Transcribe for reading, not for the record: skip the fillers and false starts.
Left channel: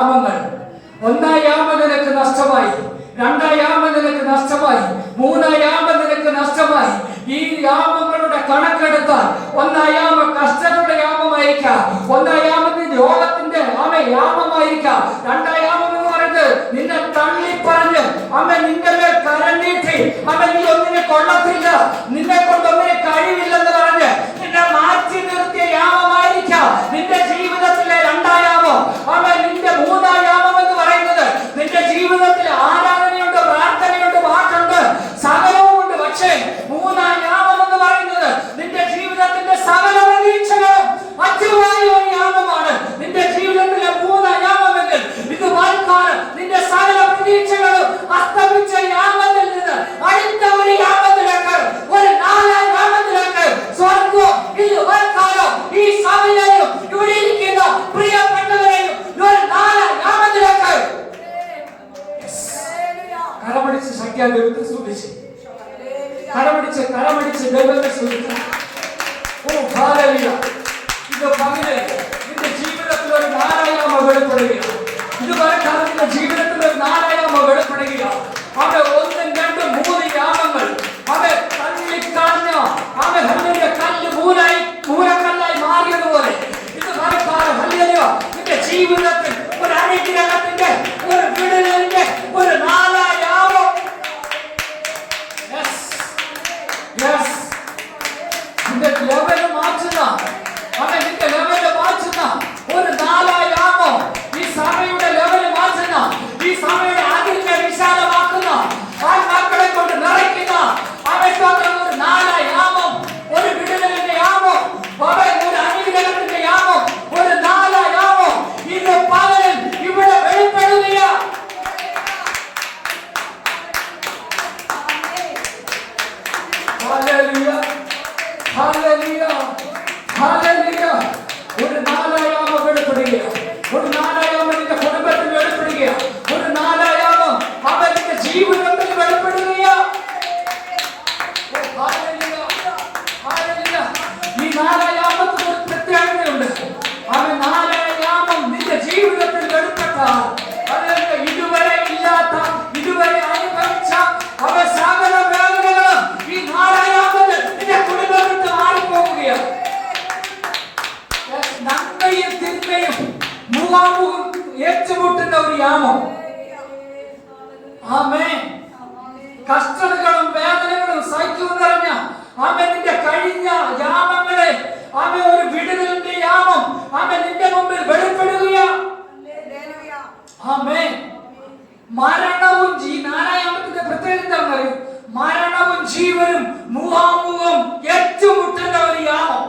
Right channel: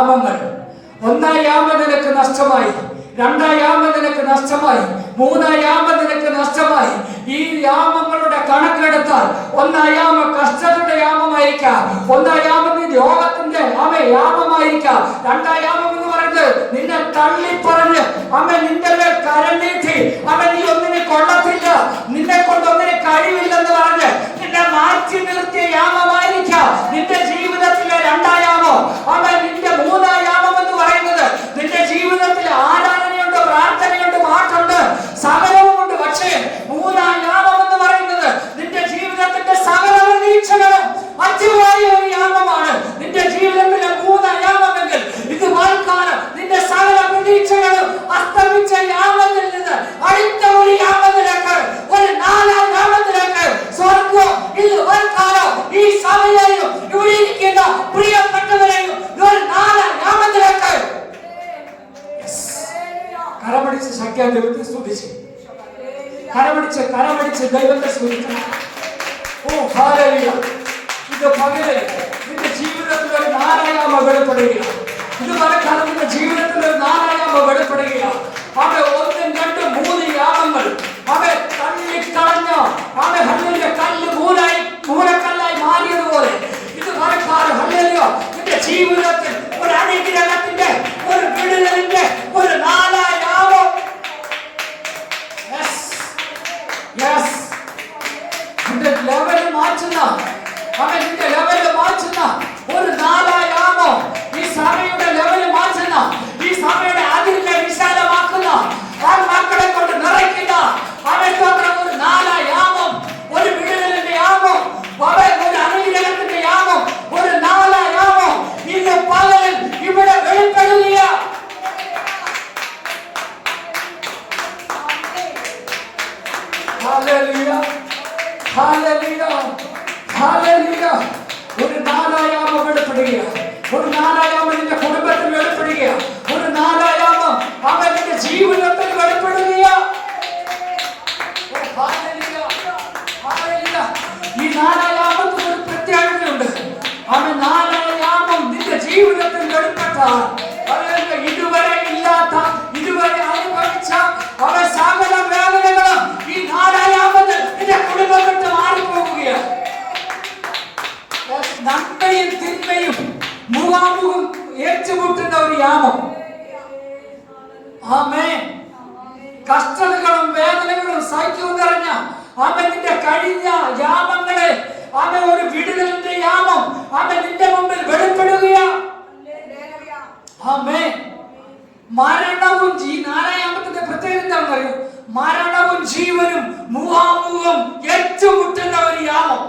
യാമങ്ങൾ. ഒന്നാം യാമം നിനക്ക് നഷ്ടമായി, രണ്ടാം യാമം നിനക്ക് നഷ്ടമായി, മൂന്നാം യാമം നിനക്ക് നഷ്ടമായി. ഈ യാമങ്ങളുടെ കണക്കെടുത്താൽ ഒന്നാം യാമം കഷ്ടതയുടെ യാമമായിരിക്കാം, ഒന്നാം യാമം രോഗത്തിന്റെ യാമമായിരിക്കാം, രണ്ടാം യാമം എന്ന് പറയുന്നത് നിന്നെ തള്ളി പറഞ്ഞ് നിന്റെ മേൽ കരനീട്ടി നീ ഒന്നിനെ കൊള്ളത്തില്ല, നിന്നെ കൊണ്ട് ഒന്നിനെ കഴിവില്ലെന്ന് പറഞ്ഞ് നിന്നെ മാറ്റി നിർത്തിയ യാമമായിരിക്കാം നിന്റെ ജീവിതത്തിലെ രണ്ടാം യാമം. നിന്റെ മൂന്നാം യാമം എന്ന് പറയുന്നത് നിന്റെ ജീവിതത്തിൽ ആരാധനയുണ്ട്, പ്രാർത്ഥനയുണ്ട്, പാട്ടുണ്ട്, സകലവുമുണ്ട്. പക്ഷേ മൂന്നാം യാമം എന്ന് പറയുന്നത് നിന്റെ ജീവിതത്തിന്റെ സകല പ്രതീക്ഷകളും മറ്റുമായ ഒരു യാമമാണ്. നിന്റെ ജീവിതത്തിലെ മൂന്നാം യാമമെങ്കിൽ ഇത് വാൽക്കാലം നിന്റെ സകല പ്രതീക്ഷകളും അസ്തമിച്ച യാമത്തിൽ നിന്ന് അടുത്ത ഒരു യാമത്തിലേക്ക്, ഒരു നാലാം യാമത്തിലേക്ക് സ്വർഗ്ഗം ഇത് വാൽക്കാലം ഈ സഭയെയും ഇവിടെ ഇരിക്കുന്ന പ്രിയപ്പെട്ടവരെയും ഒരു നാലാം യാമത്തിലേക്ക് കരമടിച്ച് ശക്തിയാ ദൈവത്തെ സ്തുതിച്ച്, കരമടിച്ച് ദൈവത്തെ സ്തുതിച്ച്. ഓ ഹല്ലേലൂയ. ഇത് പകലെ നിന്റെ ജീവിതത്തിൽ ഒരു നാലായാമ വെളിപ്പെടുകയാണ്. ഇത് വരക്കാലം നിന്റെ ജീവിതത്തിൽ ഒരു നാലായാമ വെളിപ്പെടുകയാണ്. ഒന്നും രണ്ടും മൂന്ന് യാമങ്ങൾ തള്ളിക്കളഞ്ഞ ഹല്ലേലൂയ കല്ല് മൂലക്കല്ലായി മാറിയതുപോലെ ഇത് വരക്കാലം ഹല്ലേലൂയ നിന്റെ ജീവിതത്തിൽ ഒരു അനുഗ്രഹത്തിന്റെ, ഒരു വിടുതലിന്റെ ഒരു നാലാം യാമം. നിന്റെ ലെവൽ മാറ്റുന്ന നിന്റെ ലെവൽ മാറ്റുന്ന ഒരു നാലാം യാമം, ഈ സഭയുടെ ലെവൽ മാറ്റുന്ന, ഈ സഭയുടെ അതിർക്കെ വിശാലമാക്കുന്ന, ആ മക്കളെ കൊണ്ട് നിറയ്ക്കുന്ന ഒരു നാലാം യാമം, ഒരു വിടുതലിന്റെ യാമം, ഒരു അനുഗ്രഹത്തിന്റെ യാമം, ഒരു നാലാം യാമം ഇന്ന് പകലിൽ ഇവിടെ വെളിപ്പെടുകയാ. Hallelujah, hallelujah, hallelujah. ഒരു നാലാം യാമം വെളിപ്പെടുകയാണ്. ഒരു നാലാം യാമം നിന്റെ കുടുംബത്തിൽ വെളിപ്പെടുകയാണ്. ഒരു നാലാം യാമം നിന്റെ ജീവിതത്തിൽ വെളിപ്പെടുകയാണ്. ഈ നാലാം യാമത്തിൽ ഒരു പ്രത്യേകതയുണ്ട്. നാലാം യാമം നിന്റെ ജീവിതത്തിൽ വെളിപ്പെട്ടാൽ ഇതുവരെ ഇല്ലാത്ത, ഇതുവരെ അനുഭവിച്ച സകല വേദനകളും ഈ നാലാം യാമത്തിൽ നിന്റെ കുടുംബം വിട്ട് മാറിപ്പോവുകയാണ്. നന്മയും തിന്മയും മുഖാമുഖം ഏറ്റുമുട്ടുന്ന ഒരു യാമം. ആമേൻ. കഷ്ടതകളും വേദനകളും സഹിക്കും നിറഞ്ഞ നിന്റെ കഴിഞ്ഞ യാമങ്ങളെ ഒരു വിടുതലിന്റെ യാമം നിന്റെ മുമ്പിൽ വെളിപ്പെടുകയാണ്. ആമേൻ. മരണവും നാലാമത്തിന്റെ പ്രത്യേകത എന്താണെന്ന് അറിയൂ? മരണവും ജീവനും മുഖാമുഖം ഏറ്റുമുട്ടുന്ന ഒരു യാമം.